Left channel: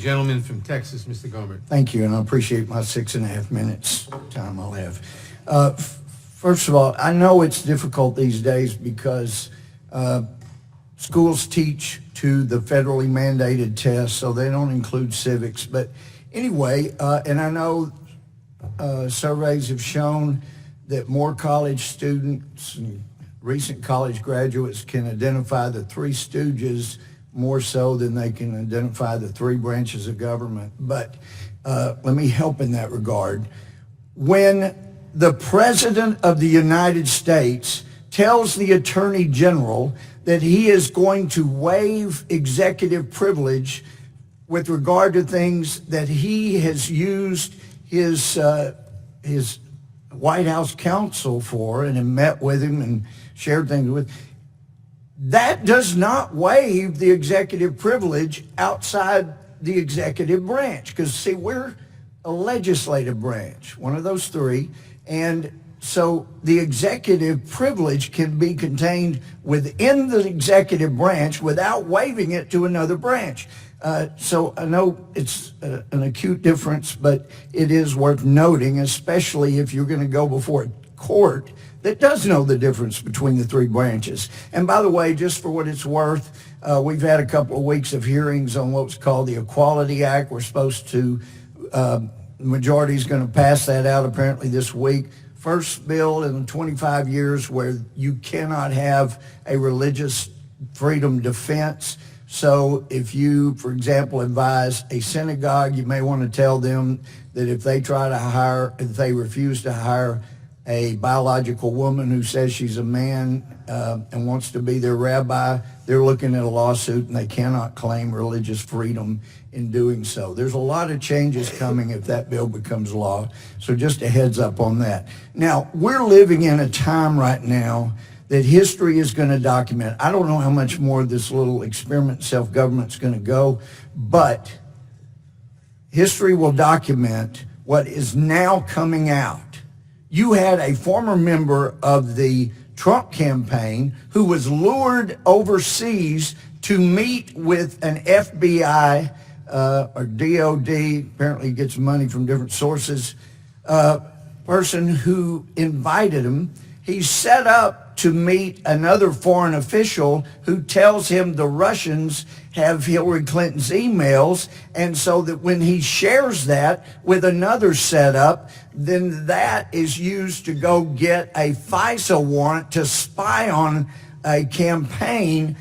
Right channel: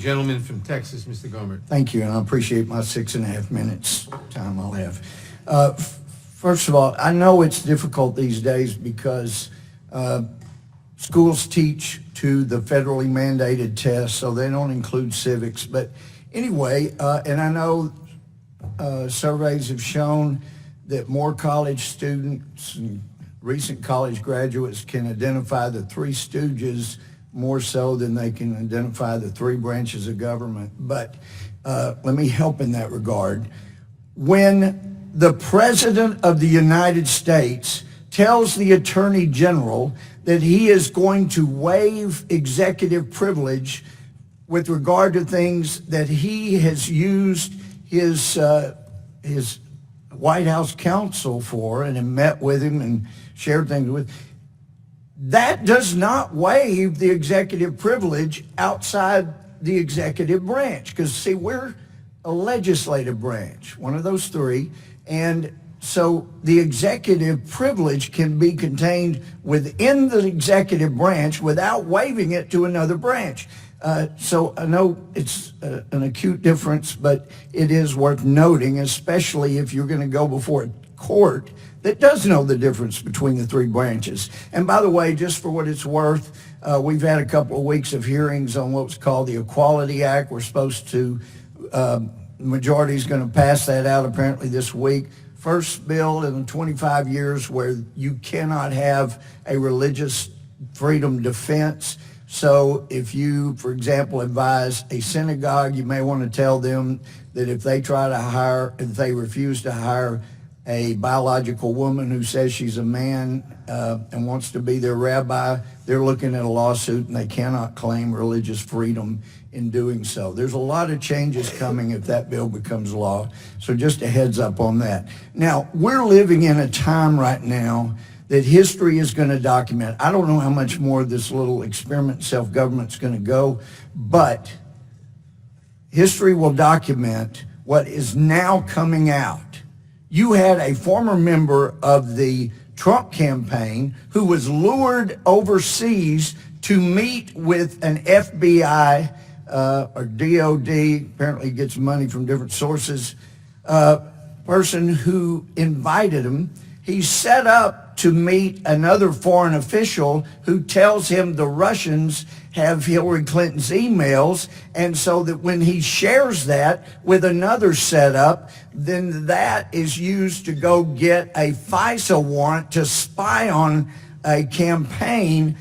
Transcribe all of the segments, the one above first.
gentleman from Texas, Mr. Gohmert. Thank you, and I appreciate my 6.5 minutes time I'll have. First of all, I know it's difficult these days because schools teach to the federally mandated tests, so they don't include civics. But anyway, and I know surveys have shown that more college students and recent college graduates can identify the Three Stooges more so than they can identify the three branches of government. But let me help in that regard. When the President of the United States tells the Attorney General that he is going to waive executive privilege with regard to things that he has used his White House counsel for and have met with him and shared things with, that does not waive the executive privilege outside the executive branch. Because, see, we're a legislative branch, one of those three, and so the executive privilege can be contained within the executive branch without waiving it to another branch. So I know it's an acute difference, but it is worth noting, especially if you're going to go before a court that does know the difference between the three branches. And by the way, just for what it's worth, we've had a couple of weeks of hearings on what's called the Equality Act. We're supposed to, the majority is going to pass that out apparently this week. First bill in 25 years where you cannot have a religious freedom defense. So if you, for example, advise a synagogue, you may want to tell them that if they refuse to hire a biological woman who says she's a man and wants to be their rabbi, they're looking at a lawsuit and they cannot claim religious freedom in doing so. There's a lot of changes coming if that bill becomes law. So just a heads up on that. Now, we're living in a time right now that history is going to document. I don't know how much more this little experiment self-government is going to go, but history will document what is now coming out. You had a former member of the Trump campaign who was lured overseas to meet with an FBI or DOD, apparently gets money from different sources, person who invited him. He's set up to meet another foreign official who tells him the Russians have Hillary Clinton's emails, and so that when he shares that with another setup, then that is used to go get a FISA warrant to spy on a campaign.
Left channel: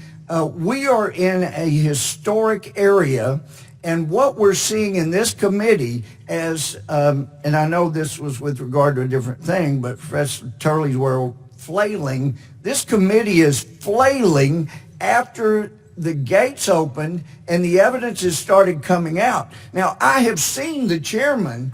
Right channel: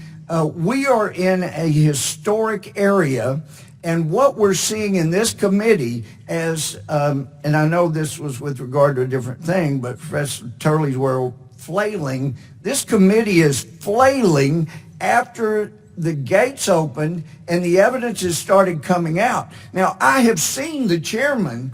We are in a historic area, and what we're seeing in this committee as, and I know this was with regard to a different thing, but Professor Turley's word, flailing, this committee is flailing after the gates opened and the evidence has started coming out. Now, I have seen the chairman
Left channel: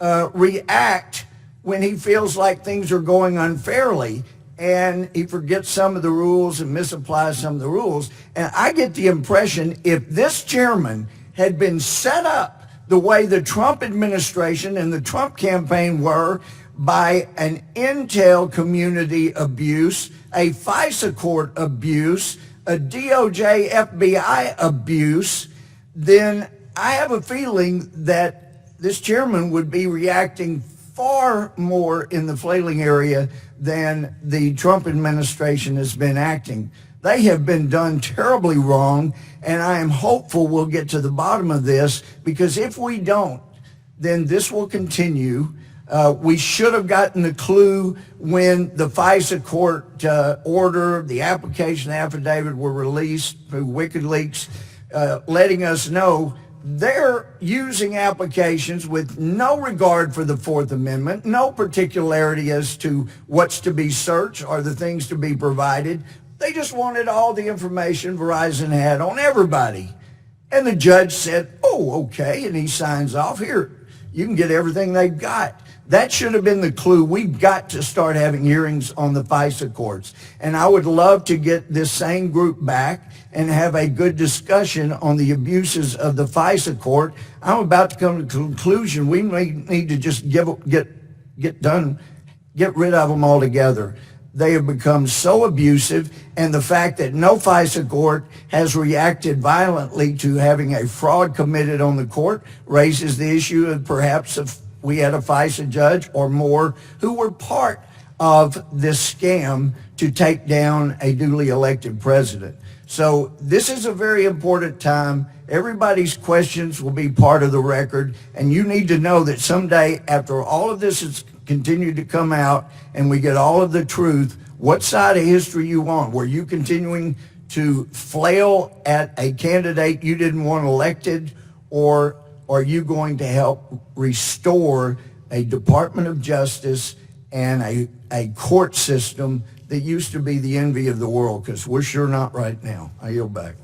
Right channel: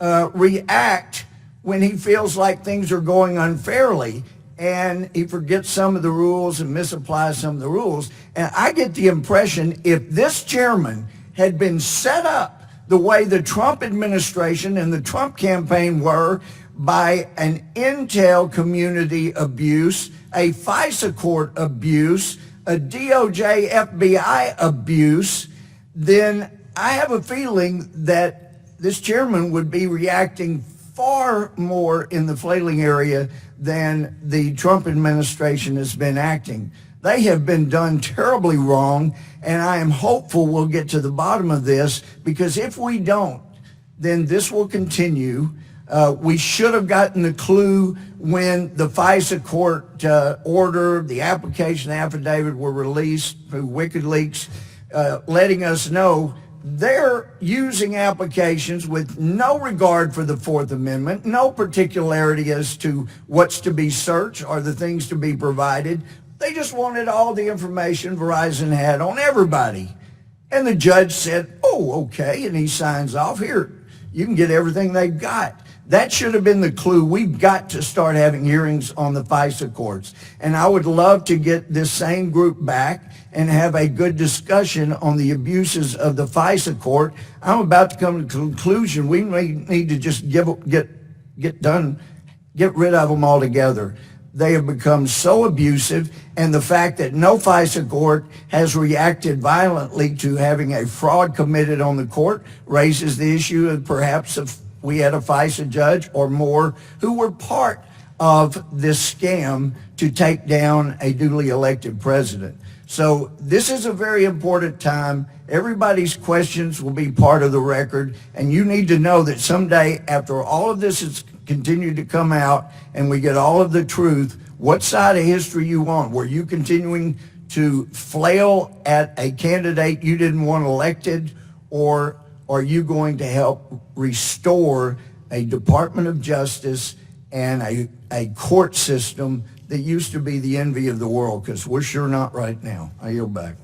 react when he feels like things are going unfairly and he forgets some of the rules and misapplies some of the rules. And I get the impression if this chairman had been set up the way the Trump administration and the Trump campaign were by an intel community abuse, a FISA court abuse, a DOJ FBI abuse, then I have a feeling that this chairman would be reacting far more in the flailing area than the Trump administration has been acting. They have been done terribly wrong, and I am hopeful we'll get to the bottom of this, because if we don't, then this will continue. We should have gotten the clue when the FISA court order, the application affidavit were released through WikiLeaks, letting us know they're using applications with no regard for the Fourth Amendment, no particularity as to what's to be searched or the things to be provided. They just wanted all the information Verizon had on everybody. And the judge said, oh, okay, and he signs off. Here, you can get everything they've got. That should have been the clue. We've got to start having hearings on the FISA courts. And I would love to get this same group back and have a good discussion on the abuses of the FISA court. I'm about to come to the conclusion we may need to just get rid of them altogether. they have become so abusive, and the fact that no FISA court has reacted violently to having a fraud committed on the court raises the issue of perhaps if we had a FISA judge or more who were part of this scam to take down a duly elected president. So this is a very important time. Everybody's questions will be part of the record, and you need to know that someday, after all of this has continued to come out and we get all of the truth, what side of history you want. Were you continuing to flail at a candidate you didn't want elected, or are you going to help restore a Department of Justice and a court system that used to be the envy of the world? Because we're sure not right now. I yield back.